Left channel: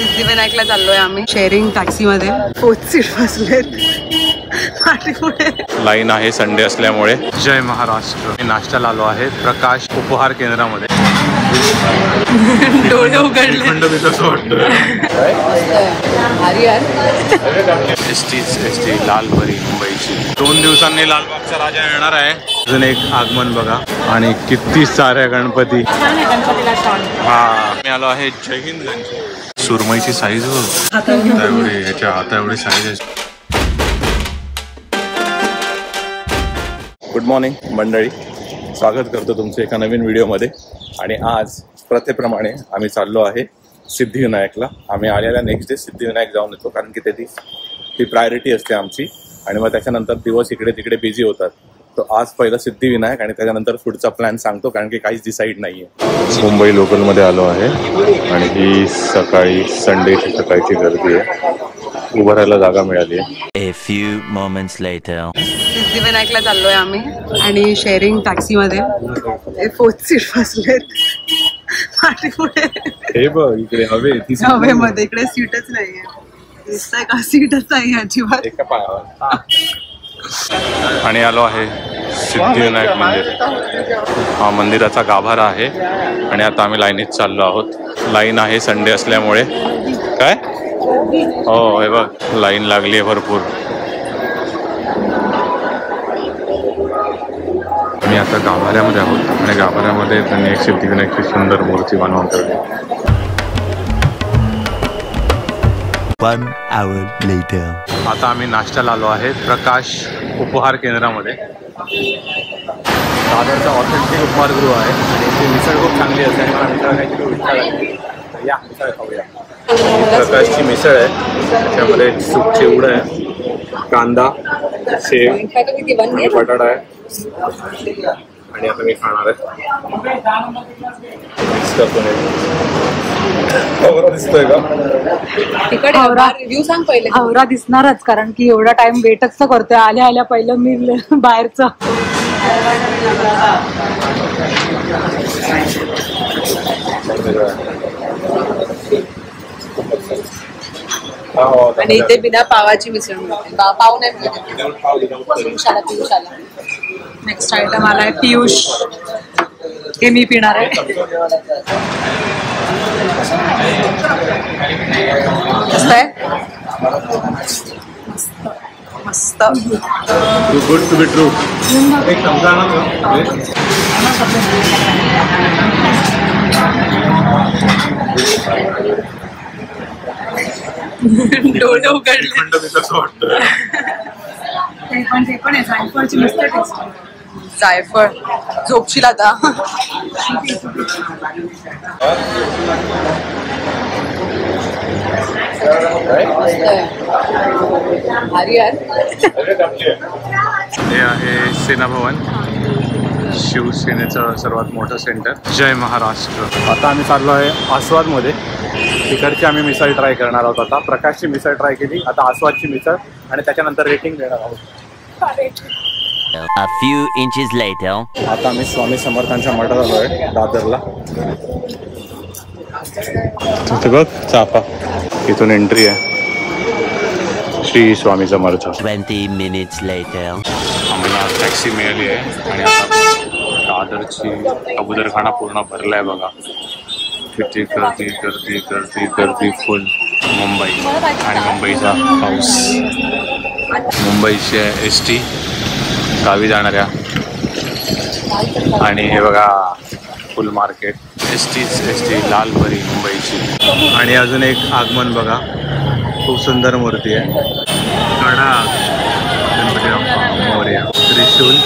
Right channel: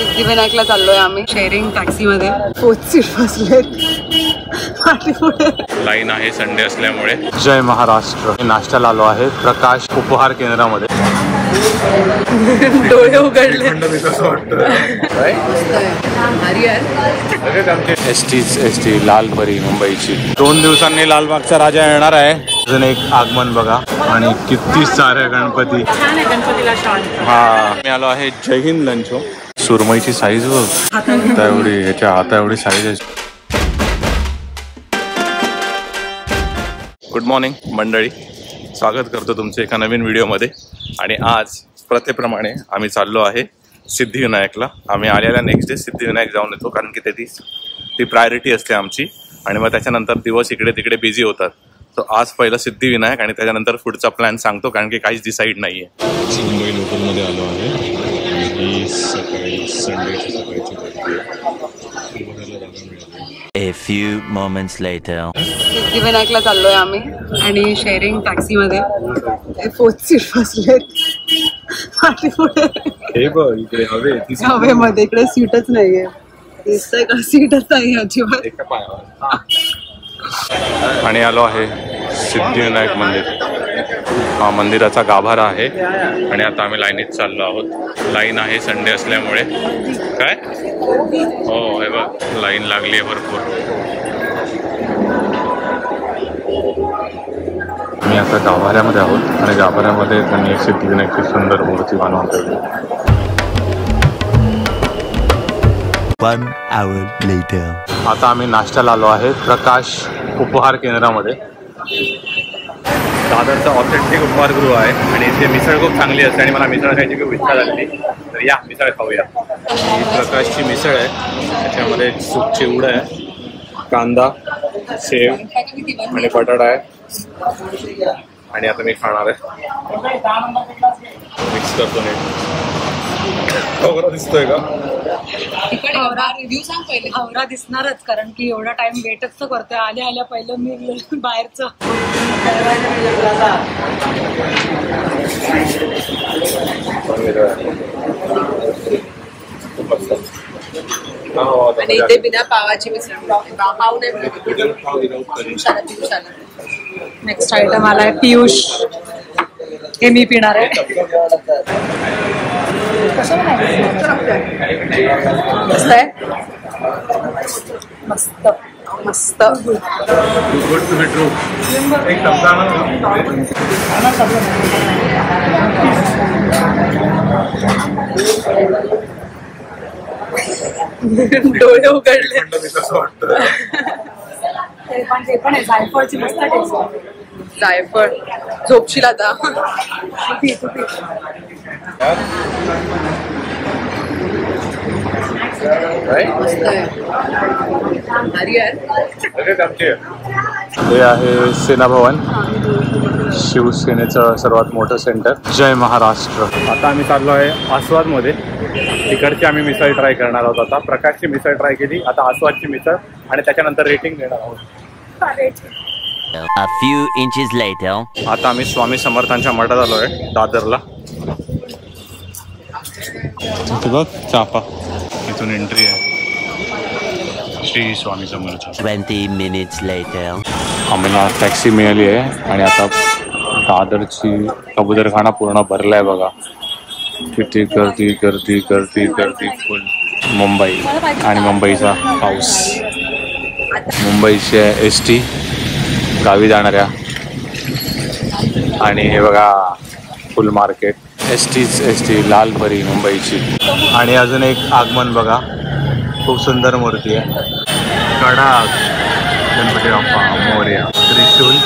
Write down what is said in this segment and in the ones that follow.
सिद्धिविनायकला चाललोय आम्ही sharing taxi मध्ये. 4th सीट बसलेत पाठी पुढे. लाईन आहे संडे असल्यामुळे. जय महाराष्ट्र. नाश्त्याला आलो आहे प्रकाश उपहार केंद्रामध्ये. डोळे उघडले. एसटी लालपरी मुंबईची. 2 दिवसांनी लालबागचा राजा येणार आहे. अजून एक आगमन बघा आणि किती साऱ्या गणपती. हा मी आलो आहे जय हिंद लंच. सुरमईची साईज बघ एवढी, ह्याच्या हाता एवढी साईज आहे. गुड मॉर्निंग मंडळी, स्वागत करतो तुमचं एका नवीन व्हिडिओमध्ये. आणि आज प्रथेप्रमाणे आम्ही चाललो आहे सिद्धिविनायकला. आम्ही आलेल्या नेक्स्ट डे सिद्धिविनायक जाऊन येतो, कारण की ती प्रायोरिटी असते आमची. आणि मग त्याच्यानंतर दिवस इकडे तिकडे बिझी होतात. तो आज पहिलं सिद्धिविनायक आणि त्याच्यानंतर पुढचा प्लॅन सांगतो, कारण की काहीच डिसाईड नाही आहे. मुंबई लोकलमध्ये आलो आहे आणि ही सकाळी संडेची सकाळची गर्दी आहे. उभं राहायला जागा मिळाली आहे. A few moments later. सिद्धिविनायकला चाललोय आम्ही आणि शेअरिंग टॅक्सी मध्ये. 4th सीट बसलेत पाठी पुढे. हे बघ इकडे हवेमध्ये इकडे सीटच नाहीये. दिसतंय का? सीटच नाही अजिबात. एका पायावर. आणि आलो आहे सिद्धिविनायक मंदिर. हा मंदिराचा गाभारा आहे आणि आता आम्ही लाईनीत चाललो आहोत. लाईन आहे संडे असल्यामुळे. काय हो हे बघ लाईन लागली आहे भरपूर. मी आता गाभाऱ्यामध्ये आहोत आणि गाभाऱ्यामध्ये त्यांनी एक सिद्धिविनायकची सुंदर मूर्ती बनवून ठेवली. 1 hour later. आता आम्ही नाश्त्याला आलो आहे प्रकाश उपहार केंद्रामध्ये. दादरचा ऑथेंटिक उपहारगृह आहे आणि इथे मिसळ खूप चांगली असते आणि मला मिसळ खायची खूप इच्छा झाली. तर या मिसळ खाऊया. प्रकाशची मिसळ आहे, त्याच्यामध्ये सूप चिवडा आहे, कांदा, शेव आणि बटाटा आहे. आणि आता मी खाणार आहे. मिक्स करतो. दिसतोय का? रिव्ह्यू सांग पहिले. आवरा दिसणारच, कारण की एवढा टाइम वेटच तर करतोय. आल्या आल्या पहिलं मी बाहेरचं. आणि इथे बिना पावाची मिसळ. पाव नाही मिळत. नेक्स्ट आयटम आलाय पियुष. हे मी पिणार आहे. मस्त आहे. मस्त मस्त. Good to be true. एक चमचा डोळे उघडले. ते पण आहे जायफळची मस्त टेस्ट. जायफळ झोपशील आता. हे आहे सेना भवन, शिवसेनेचं सर्वात मोठं सेंटर. जय महाराष्ट्र. आता आम्ही चाललो आहे आस्वादमध्ये. तिकडची आम्ही मिसळ ट्राय करणार आहोत. आता प्रकाशची मिसळ ट्राय केली, आता आस्वादची मिसळ आणि त्याच्यानंतर रेटिंग देणार आहोत. A few inches later. आता आम्ही स्वामी समर्थांच्या मठात आलो आहे दादरला. तिथे बघ चाफा, इथून एंट्री आहे. श्री स्वामी समर्थ. 20 minutes later. आम्हाला टॅक्सी मिळाली आहे आणि आता दादरची कबूतरखाना पूर्ण भरलाय बघा. किती गर्दी गर्दी गर्दी गर्दी फुल. मुंबई आणि मुंबईचा पाऊस. मुंबईची एसटी गावी जाणाऱ्या. आणि हे बघा फुल मार्केट. एसटी लालपरी मुंबईची. आणि अजून एक आगमन बघा, खूप सुंदर मूर्ती आहे. कडा गणपती बाप्पा मोरया. त्रिशूल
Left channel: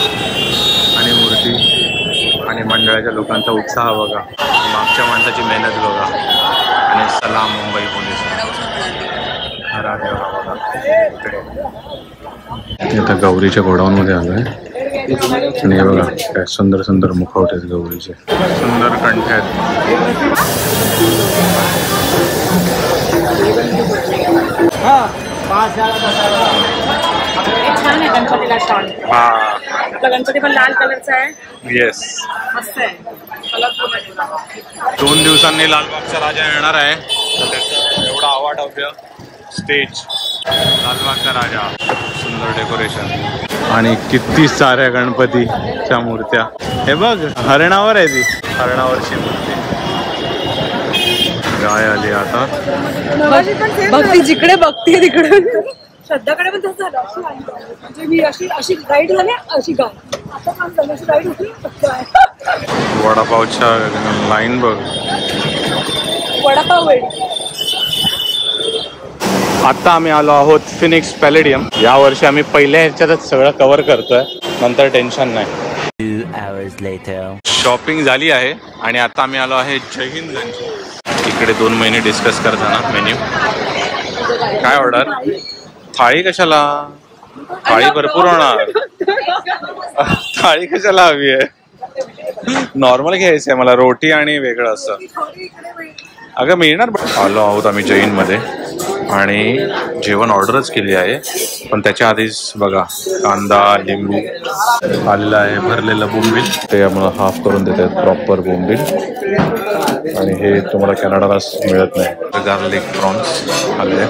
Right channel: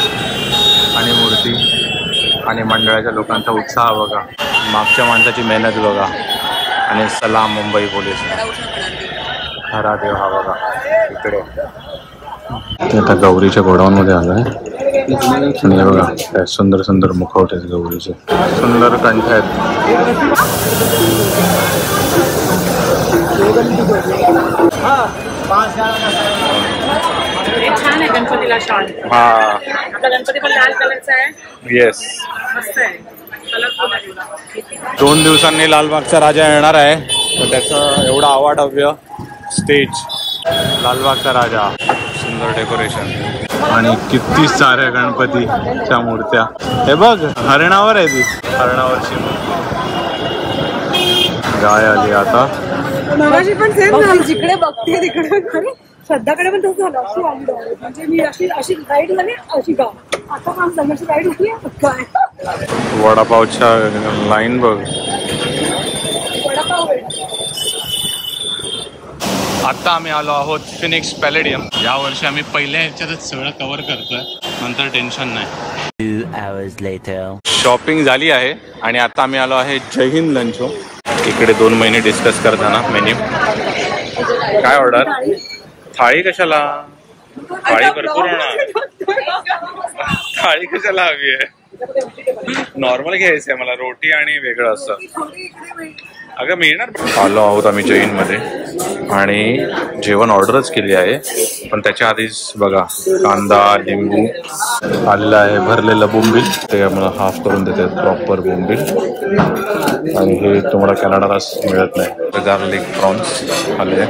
आणि मूर्ती आणि मंडळाच्या लोकांचा उत्साह बघा. मागच्या माणसाची मेहनत बघा. आणि सलाम मुंबई पोलीस. हरा देव हा बघा इकडे. आता गौरीच्या गोडाऊनमध्ये आलो आहे आणि हे बघा काय सुंदर सुंदर मुखवट आहेत गौरीचे. सुंदर कंठ आहेत. छान आहे गणपतीला शॉल. हा आपला गणपती पण लाल कलरचा आहे. येस. मस्त आहे. कलरफुल आहे. 2 दिवसांनी लालबागचा राजा येणार आहे, तर त्याचं एवढं अवाढव्य स्टेज, लालबागचा राजा, सुंदर डेकोरेशन आणि किती साऱ्या गणपतीच्या मूर्त्या. हे बघ हरणावर आहे, ती हरणावरची मूर्ती. गाय आली आता. बघ जिकडे बघते तिकडे. श्रद्धाकडे पण तसं झालं. अशी आली direct. म्हणजे मी अशी राईड झाली अशी गाय. आता काम झालं अशी राईड झाली गाय. वडापावच्या लाईन बघ. वडापाव आहे. आता आम्ही आलो आहोत फिनिक्स पॅलेडियम. या वर्षी आम्ही पहिल्या ह्याच्यातच सगळं कव्हर करतोय, नंतर टेन्शन नाही. 2 hours later. शॉपिंग झाली आहे आणि आता आम्ही आलो आहे जय हिंद लंचो. इकडे 2 महिने डिस्कस करताना मेन्यू. काय ऑर्डर? थाळी कशाला? थाळी भरपूर होणार. थाळी कशाला हवी आहे? नॉर्मल घ्यायचं आहे मला, रोटी आणि वेगळं असं. अगं मिळणार. आलो आहोत आम्ही जैनमध्ये आणि जेवण ऑर्डरच केली आहे, पण त्याच्या आधीच बघा कांदा लिंबू आलेला आहे, भरलेलं बोंबील. ते आम्हाला हाफ करून देतात प्रॉपर बोंबील. आणि हे तुम्हाला कॅनडाला मिळत नाही. गार्लिक प्रॉन्स आले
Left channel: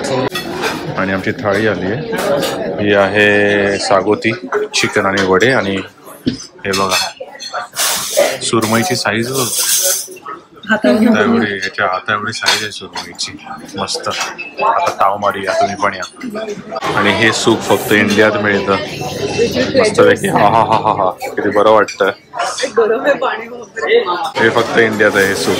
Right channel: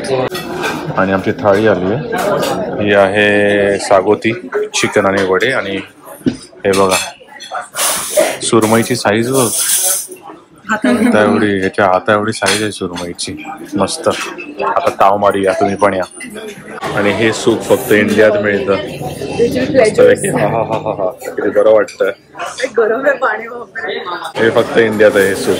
आणि आमची थाळी आली आहे. ही आहे सागोती चिकन आणि वडे. आणि हे बघा सुरमईची साईज बघ, हाता एवढी, याच्या हाता एवढी साईज आहे सुरमईची. मस्त. आता ताव मारूया, तुम्ही पण या. आणि हे सूप फक्त इंडियात मिळतं. मस्त पैकी. हा हा हा हा हा, किती बरं वाटतं. गरम आहे पाणी. हे फक्त इंडियात आहे हे सूप.